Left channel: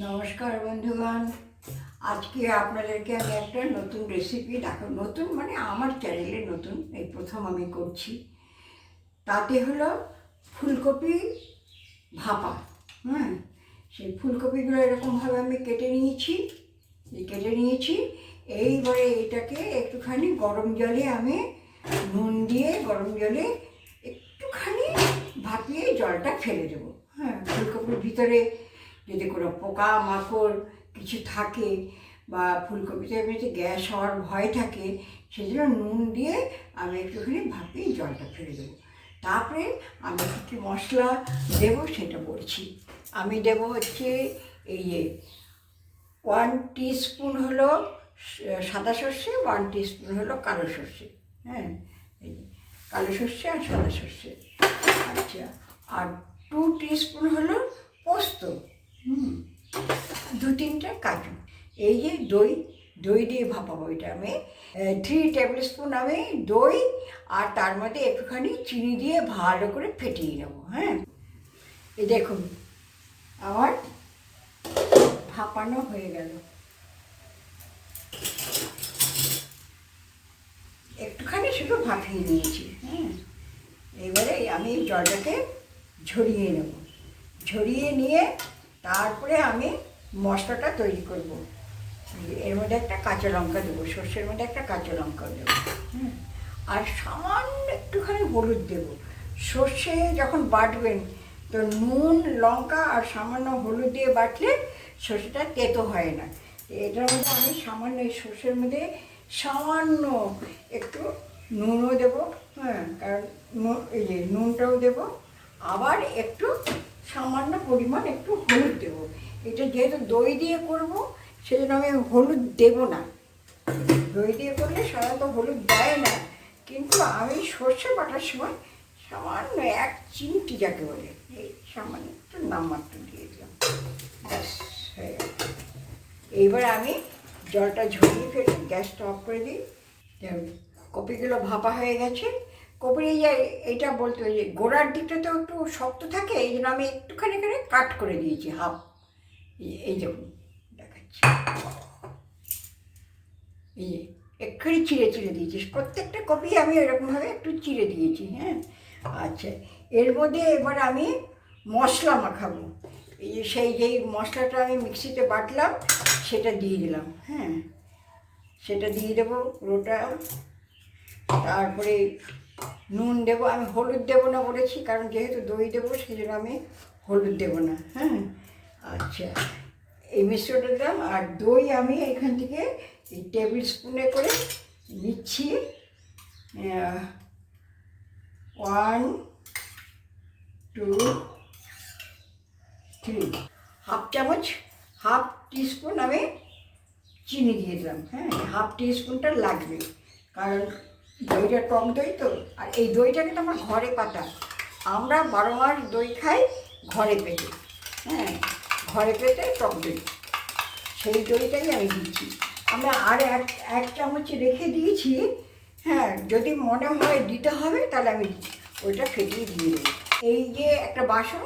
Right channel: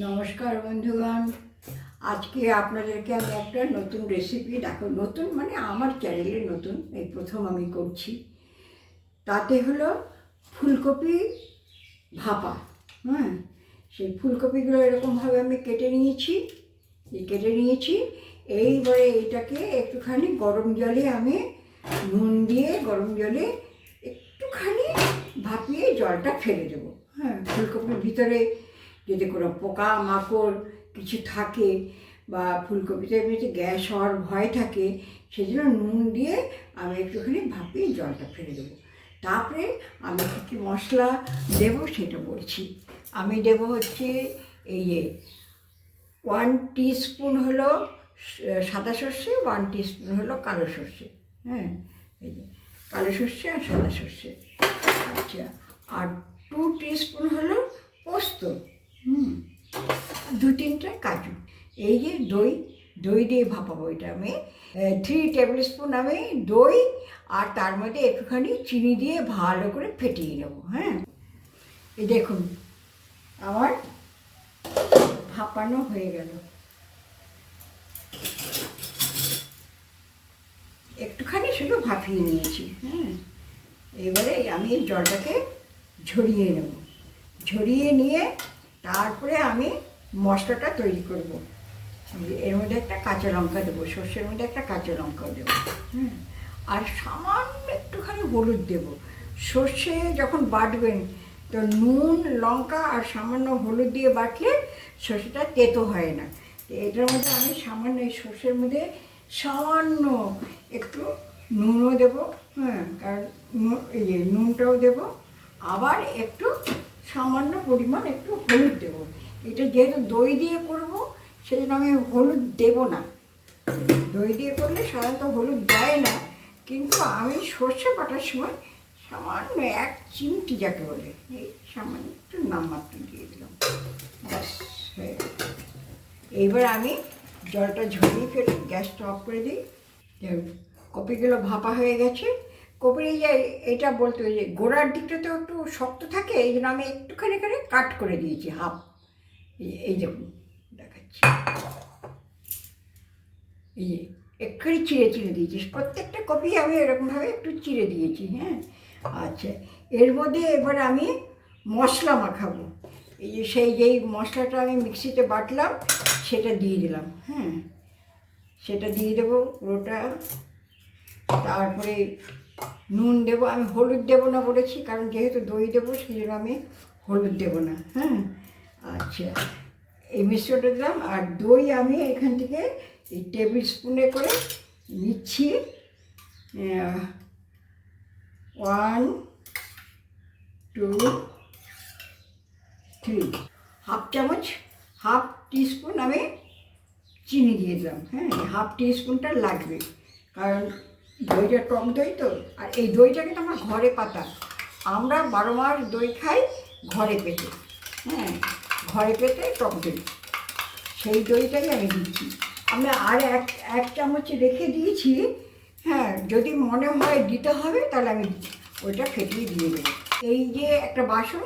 নমস্কার বন্ধুগণ। আজকে আপনাদেরকে আমি একটা নতুন রেসিপি নতুন মানে আমার চ্যানেলে নতুন, এই প্রথম আমি করছি। তাতে হলো ফুলকপি ভাপা। সেই ফুলকপিগুলো এরকমভাবে আমি কেটে নিয়েছি। এইবারে এটাকে একটুখানি গরম জলে আমি নুন দিয়ে গরম জলে একটুখানি ভাপিয়ে জলটা ফেলে দেবো। ফুলকপির ভিতরে যদি কোনো পোকা মাকড় কিছু থাকে বা ফুলকপিতে এমনিতে গ্যাস হওয়ার ভয় থাকে, সেজন্য নুন দিয়ে আমি একটুখানি ভাপিয়ে জলটা ফেলে দেবো। তারপরে আমি কী কী মশলা দেবো সেটা বলছি। আমি দেবো হচ্ছে এই 1 টিস্পুন হলো সাদা সর্ষে, 1 টিস্পুন হলো কালো সর্ষে। এই কালো সর্ষে আর সাদা সর্ষে। আচ্ছা, আর 2 টিস্পুন হলো পোস্ত, 2-3টে কাজু। এই যে দই দিয়ে ভাপাবো এটা আমি 3 টেবিল স্পুন আমি দই, আর তার মধ্যে একটুখানি চিনি দিয়ে ভালো করে ফেটিয়ে নেবো। এই দেখুন আমার ভাপানো হয়ে গেল। একটুখানি শুধু ভাপিয়ে নিয়েছি। এবারে আমি জলটাকে ঝরিয়ে নেব। ঝরিয়ে নিয়ে তারপরে আমি মশলাটা তৈরি করব। এর মধ্যে একটা কাঁচা লঙ্কা দেবো, সর্ষের মধ্যে একটা কাঁচা লঙ্কা দেবো। আর সামান্য একটুখানি হলুদ দেবো। সর্ষে যখন বাটবেন তো নুন লঙ্কা আর সামান্য হলুদ দিয়ে বাটলে সর্ষেটা তেতো হয় না। এটার মধ্যে আমি সামান্য এই সর্ষের মধ্যে সামান্য একটু নুনও দেবো। কারণ এই যে নুনটাও দেবো, আবার একটু সামান্য পরিমাণ একটু হলুদ দেবো। এটা যেহেতু দই দিয়ে করবো সেই জন্য আমি হলুদ দেবো না। দই দিয়ে করলে সাধারণত হলুদ দেয় না, কিন্তু আমি সর্ষে বাটার সময় সামান্য 1 চিমটি যাকে বলে এই সামান্য একটু নামমাত্র দিয়ে দিলাম, ব্যাস হয়ে গেল। এইবার আমি জলটা ঝরিয়ে ফেলি, গ্যাসটা অফ করে দিই। কপিগুলো ভাপা হয়ে গেছে। কপির এইটা বলতে ওই যে গোড়ার দিকটাতেও একটু শক্ত থাকে, এই জন্য আমি একটুখানি করে কাট করে দিয়েছি হাফ। এই দেখুন দেখাচ্ছি, এই যে একটুখানি চিড়ে দিয়েছি। প্রত্যেকটা কপি আমি এরকমভাবে একটু চিড়ে দিয়েছি। আচ্ছা, এর মধ্যে এবার আমি মশলা মাখাবো। এই যে যেই মশলাটা আমি মিক্সিতে বাটলাম সেটা দিয়ে দিলাম। সেটা দিয়ে দেবো পুরোটা। তারপরে নুন দেবো। আমি হলুদ দেবো না বলেছি, কারণ যেহেতু দই দেবো সেই জন্য আমি হলুদ দেবো না। আচ্ছা, এই মিশ্রণটা দিলাম। আর দই আমি এখান থেকে এই টেবিল স্পুনে করে নিচ্ছি 1 2 3 হাফ চামচ, হাফ টিস্পুন আমি চিনি দিয়ে দিলাম। হাফ টিস্পুনটা লাগবে, কারণ দইটা টক দই তো। আর এই দইটা কিন্তু আমার ঘরে পাতা। আমরা 12 মাস দই খাই ঘরে পেতে। ঘরে পেতে টক দই, সেই দইটাকে আমি দিচ্ছি। আমি আর এক চামচ রেখে দিয়েছি। যদি মনে হয় দিতে হবে তাহলে আমি ওইটা ফেটিয়ে দিয়ে দেবো। এই যে একটা বাসন,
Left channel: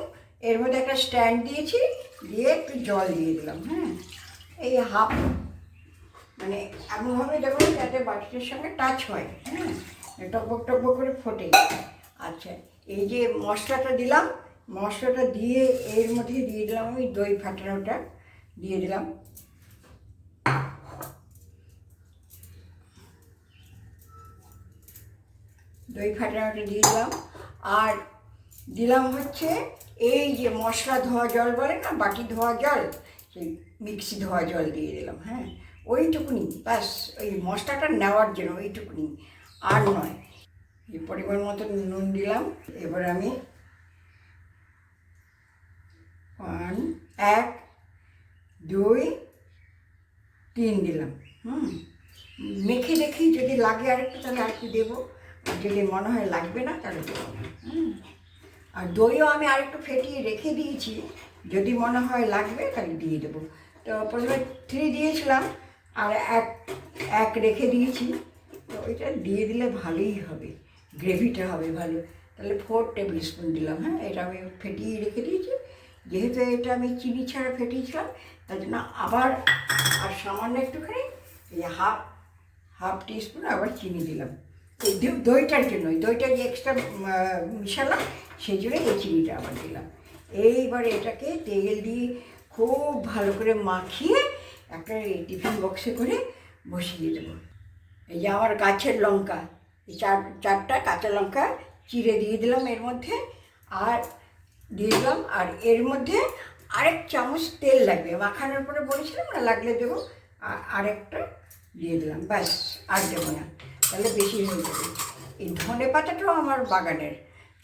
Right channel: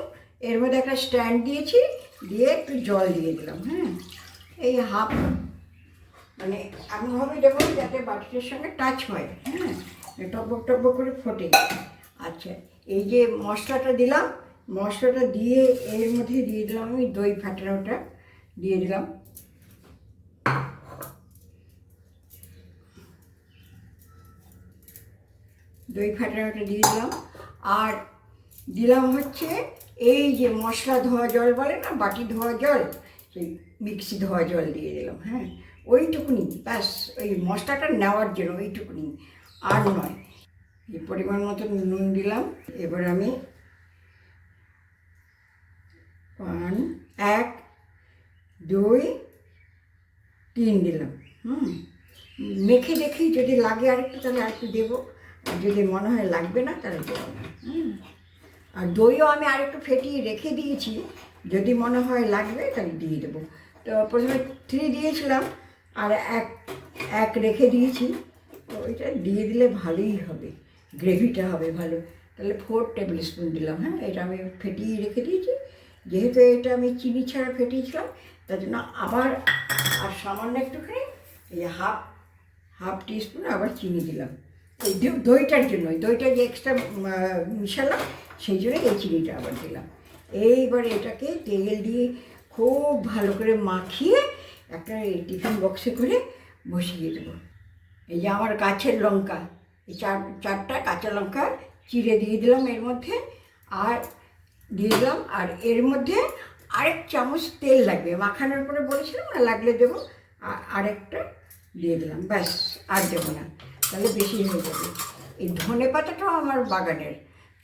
এর মধ্যে একটা স্ট্যান্ড দিয়েছি, দিয়ে একটু জল দিয়ে দিলাম। এই হাফ, মানে এমনভাবে দেবো যাতে বাটির সঙ্গে টাচ হয়। টকবক টকবক করে ফোটে। আচ্ছা, এই যে মশলাটা দিলাম, মশলাটা দিয়ে এর মধ্যে দিয়ে দিলাম আমি দই ফাটানোটা দিয়ে দিলাম। দই ফাটানোটা দিয়ে দিলাম। আর দিলাম হচ্ছে এই যে মশলা ধোয়া জল বলে না, বাটি ধোয়া জল, সেই মিক্সি ধোয়া জল দিয়ে দিলাম। ওইটুকুনি ব্যাস, ওই মশলাটা নেওয়ার জন্য ওইটুকুনি, আর নয়। এই পরিমাণ মতো নুন দিলাম। এবার আমি 1 2 3 দিলাম। মেখে দেখি যদি লাগে আরেকটু তাহলে আরেকটু দেবো, যদি মনে হয় লাগবে না তাহলে দেবো না। আর দইও আমি আরেকটু ফেটিয়ে রেখে দিয়েছি, যদি মনে হয় লাগবে তাহলে দিয়ে দেবো। তো প্রথমে 3 দিয়েছিলাম, আর এক রেখে দিয়েছি। তো ওইটা দিয়ে দিলে ভালোই হবে, গ্রেভিটা হবে ভালো। তাহলে 4 টেবিল স্পুন দিলাম। এটা আমি ফেটিয়ে রেখে দিয়েছি, যেহেতু এটা আমি চিনি ছাড়া ফেটিয়েছিলাম, তার জন্য আবার আর সামান্য একটুখানি এই যে হাফ টিস্পুন আবার চিনি দিলাম এই দইটার জন্য। ওই দইটা যে এক্সট্রা মিশালাম, সেই জন্য এই চিনিটা আবার দিলাম। এইবারে এটাকে তেল দিয়ে খুব ভালো করে মাখিয়ে একটা এই টিফিন বক্সে করে বসিয়ে দেবো। এই যে আমার গাছের লঙ্কা, এই চারটা কাঁচা লঙ্কা চিড়ে দিয়ে দিলাম এর মধ্যে, আর দিয়ে দিলাম, আর এর মধ্যে আরেক চামচ তেল লাগবে, মাখানোর পরে বলেছিলাম না লাগলে দেবো, আরেকটা দিয়ে দিলাম, ব্যাস আর দেবো না, তাহলে বেশি হয়ে যাবে। এই ধনে পাতাটাও আমার বাগানের,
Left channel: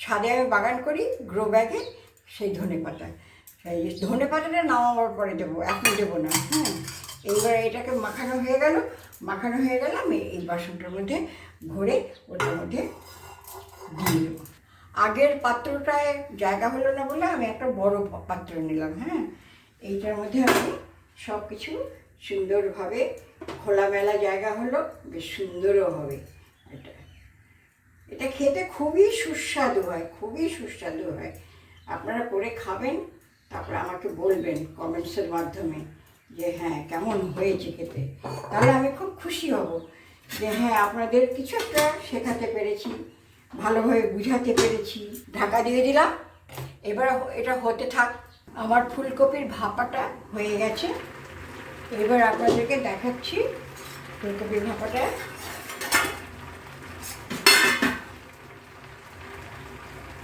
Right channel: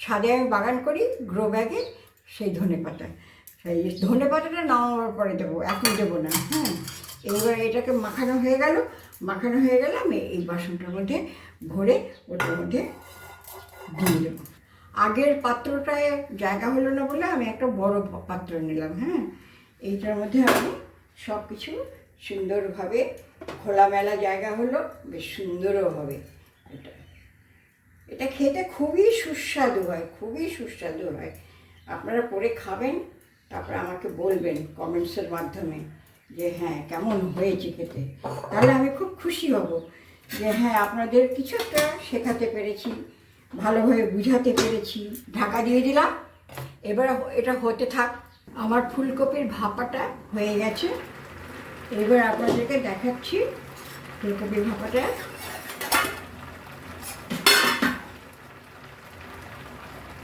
ছাদে আমি বাগান করি গ্রো ব্যাগে, সেই ধনে পাতা, সেই ধনে পাতাটা নামাবার পরে দেবো, এখন দেবো না। হ্যাঁ, এবার এটাকে মাখানো হয়ে গেল, আমি এই বাসনটার মধ্যে ভরে ওটার মধ্যে দিয়ে দেবো। আগের পাত্রটায় জায়গা হলো না বলে আমি একটা বড় পাত্র নিলাম। হ্যাঁ, এইটার মধ্যে আমি সব কিছু সুন্দরভাবে খোলামেলা জায়গা হলো, বেশ সুন্দরও হবে। এটা খেতে খুবই সুস্বাদু হয়, খুবই সুস্বাদু হয়। আপনারা করে খাবেন, তারপরে আমাকে বলবেন কমেন্টসের মাধ্যমে যে হ্যাঁ কেমন হয়েছে খেতে, তাহলে আমি খুব খুশি হব যে হ্যাঁ আপনাদের কিছু একটা শেখাতে পেরেছি, ভালোভাবে বুঝাতে পেরেছি। ঢাকা দিয়ে দিলাম, এবার এটা হতে থাক। আমার ফুলকপির ভাপাটা হয়ে গেছে, এবার আপনাদেরকে দেখাচ্ছি ফুলকপির ভাপাটা।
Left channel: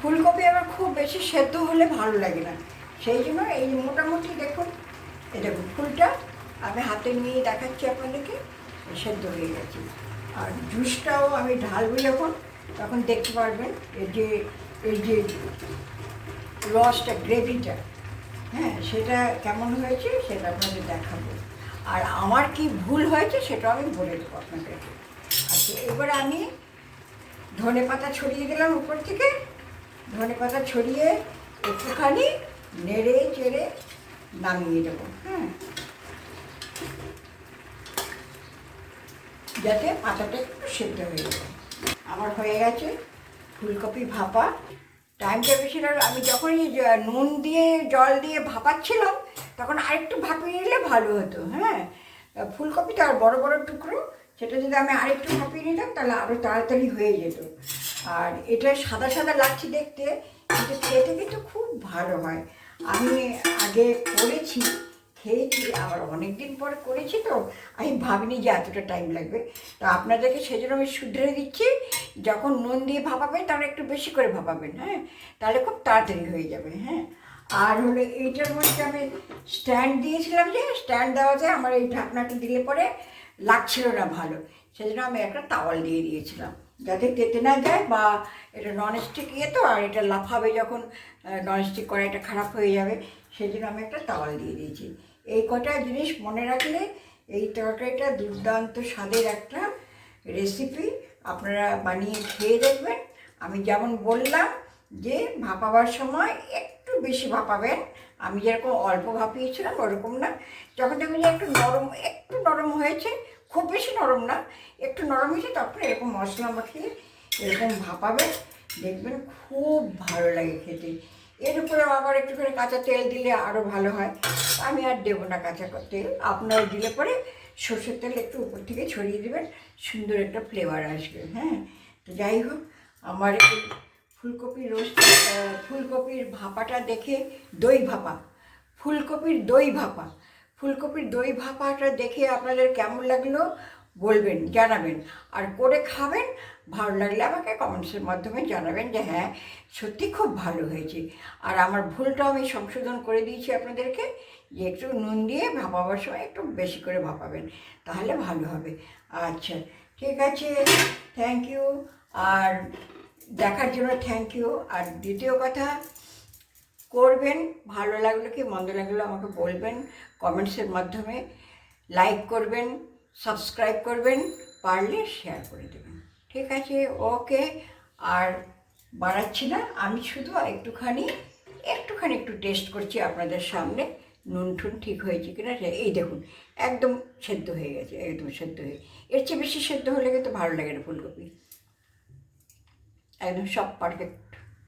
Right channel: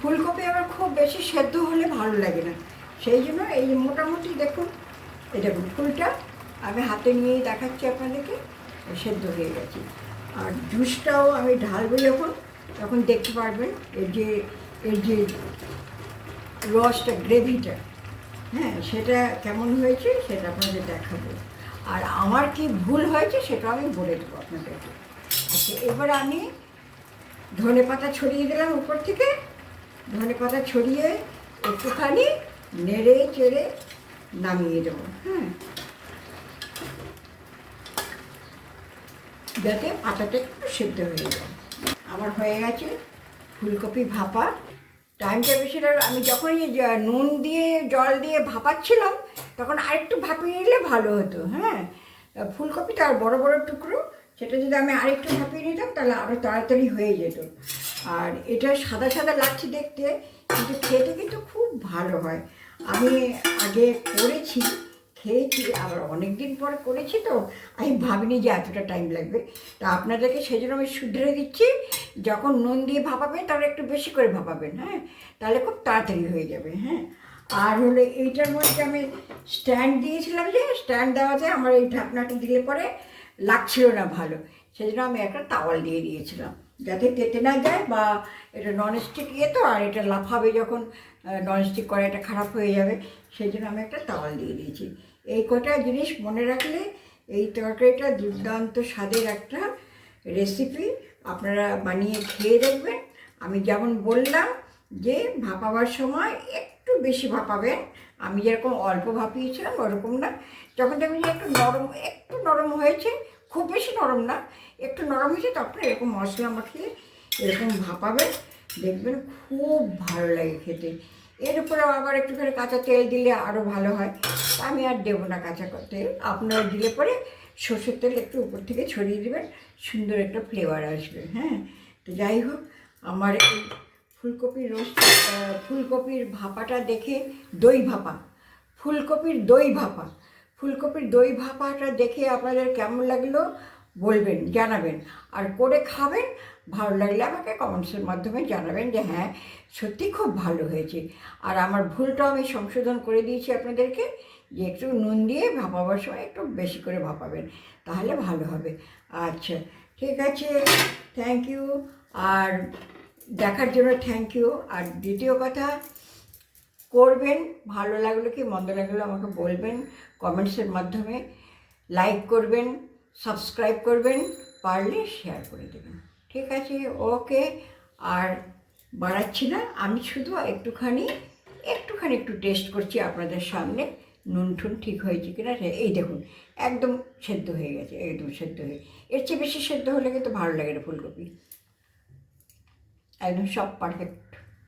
ফুলকপি আমার খুব বেশি সেদ্ধ হলে ভালো লাগে না, সেই জন্য এই মোটামুটি দেখুন, এই দেখুন ফুলটা আমি হাতে নিয়েই দেখাচ্ছি আপনাদেরকে, সেদ্ধ হয়ে গেছে। আর জুসটাও আমি ঢালবো যখন, তখন দেখতে পারবেন এই যে রসটা, গ্রেভিটা, হ্যাঁ সেটা কেমন হয়েছে সেটা আপনাদের দেখাবো। আর আমার কি ভুল হয়েছে সেটা আমি বলে দেবো আপনাদেরকে। আচ্ছা, এবারে আমি ধনে পাতা ছড়িয়ে দিলাম উপর থেকে, ধনে পাতা ছড়িয়ে একটুখানি নেড়ে চেড়ে নামিয়ে দেবো। হ্যাঁ, যাতে পাতাটা একটু সেদ্ধ হয়ে যায়। আমার হয়ে গেছে ফুলকপি ভাপা। টাইমটা বেশি লাগে, আমি যখনই নুন দিয়ে জল দিয়ে ভাপাচ্ছিলাম তখন আরেকটু ভাপিয়ে নিলে ভালো হতো। হ্যাঁ, ফুলকপিটা আর বড় বড় টুকরো, সেটা যদি আমি আরেকটু ভাপিয়ে নিতাম তাহলে আরও তাড়াতাড়ি হয়ে যেত। আর এটা সাদা সাদা লাগছে দেখতে, কিন্তু খেতে কিন্তু খুব ভালো হয়। আমি আগে করেছি, খেয়েছি, আবার অনেক দিন পরে করেছি, তো আমি ভাবিনি যে এতটা টাইম লাগবে। তা আপনাদেরকে সেই জন্য আমি শুধরে দিচ্ছি, যখন নুন দিয়ে ভাপাবেন তাহলে একটু বেশি করে ভাপাবেন। হ্যাঁ, তাহলে খুব তাড়াতাড়ি হয়ে যাবে। হ্যাঁ, আর হলে এইটার মধ্যে আমি স্ট্যান্ড দিয়েছিলাম, যে স্ট্যান্ড দেওয়াতে আমার এই ঢাকনাটা দিলে পরে লাগছিল না ভালো, সেই জন্য আমি একটা তাওয়াল দিয়ে দিয়েছিলাম যাতে তেতে না যায়, বা এটা ননস্টিক ইয়ে তো, আর এটা লাফাবে যখন, ননস্টিক কড়াইটা খারাপ হয়ে যাবে, সেই জন্য আমি একটা তাওয়াল দিয়ে দিয়েছি। এই কটা জিনিস মনে রাখলে এই তরকারিটা দুর্দান্ত স্বাদের একটা রেসিপি, আপনারা বানিয়ে খেয়ে দেখবেন। আমি যেমন বললাম যে ভাপাবার সময় একটু বেশি ভাপাবেন, আমি যেরকম অল্প ভাপিয়েছিলাম ওরকম না। যখন দেখবেন যে একটু নরম হয়েছে, খুব বেশি নরম না, একটু নরম হয়েছে, তখন এরকম মশলা মাখিয়ে এরকম ভাপাবেন, দেখবেন খুব ভালো লাগে খেতে। এর উপরে আবার একটুখানি কাঁচা তেল দিলে আরও ভালো হয়, আমি আর দেবো না কাঁচা তেল, আপনারা দিলে পরে সর্ষের তেল একটু উপর থেকে ছড়িয়ে দেবেন, সুন্দর একটা ফ্লেভার আসবে। হ্যাঁ, তো যাই হোক, আমার এই ফুলকপির ভাপাটা দেখে, ফুলকপির দই ভাপাটা দেখে আপনাদের কেমন লাগলো বলবেন, জানাবেন। আর করে খাবেন, ভালো লাগলে আমাকে কমেন্টসের মাধ্যমে জানাবেন যে হ্যাঁ সত্যি খুব ভালো হয়েছে। আর আমার ভুলটাও আমি সংশোধন করে দিয়েছি আপনাদেরকে, যে একটু নুন দিয়ে ভাপাবার সময় একটু বেশি করে ভাপাবেন, তাহলে ভালো হবে। আচ্ছা, ঠিক আছে, থ্যাংক ইউ। আর দেখার জন্য থ্যাংক ইউ। আর দ্বিতীয় কথা, করবেন, ভালো লাগলো কি মন্দ লাগলো আমাকে বলবেন কমেন্টসের মাধ্যমে, লাইক করবেন, সাবস্ক্রাইব করবেন, পারলে শেয়ার করে দেবেন। ঠিক আছে, ওকে। আর বাড়াচ্ছি না, আমি শুধু একটুখানি একটু টেস্ট করছি আপনাদের সামনে, নুন টুন ঠিক হয়েছে কিনা। এই দেখুন, একদম সেদ্ধ হয়ে গেছে, একদম সেদ্ধ হয়ে, এর চেয়ে বেশি সেদ্ধ হলে কিন্তু ভালো লাগে না ফুলকপি, একদম সব পারফেক্ট।